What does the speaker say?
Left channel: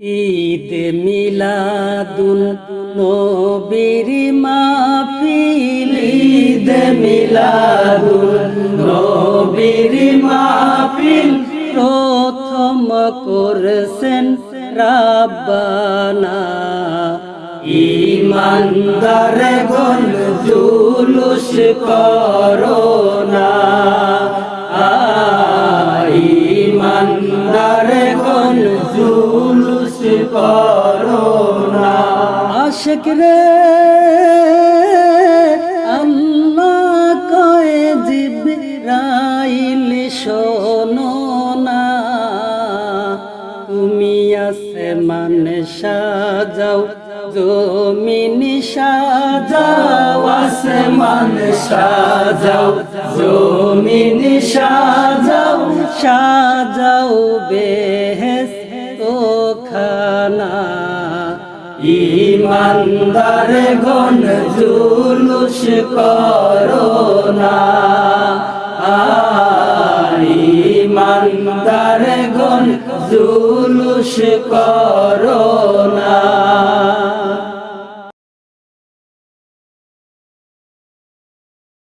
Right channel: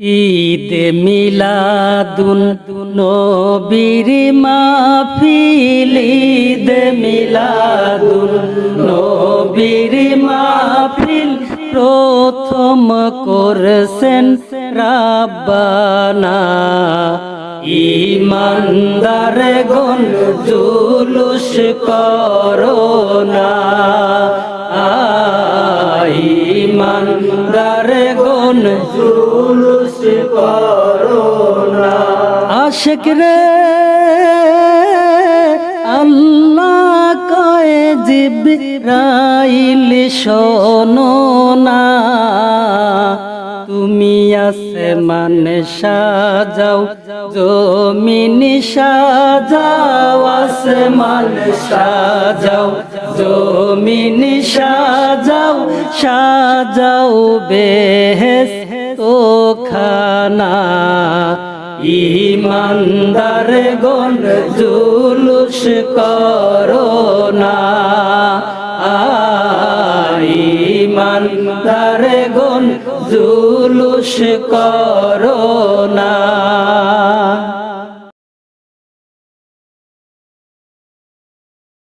ঈদ মিলাদুন নবীর মাহফিল, ঈদ মিলাদুন নবীর মাহফিল প্রথম করেছেন রাব্বানা। ঈমানদার গণ জুলুস করোনা, ঈমানদার গণ জুলুস করোনা। আশিক রে আল্লাহ কয়ে জিবরাইল শোনো না, তুমি আসমান সাজাও জমিন সাজাও, আসমান সাজাও জমিন সাজাও, সাজাও বেহেশত খানা। ঈমানদার গণ জুলুস করোনা, ঈমানদার গণ জুলুস করোনা।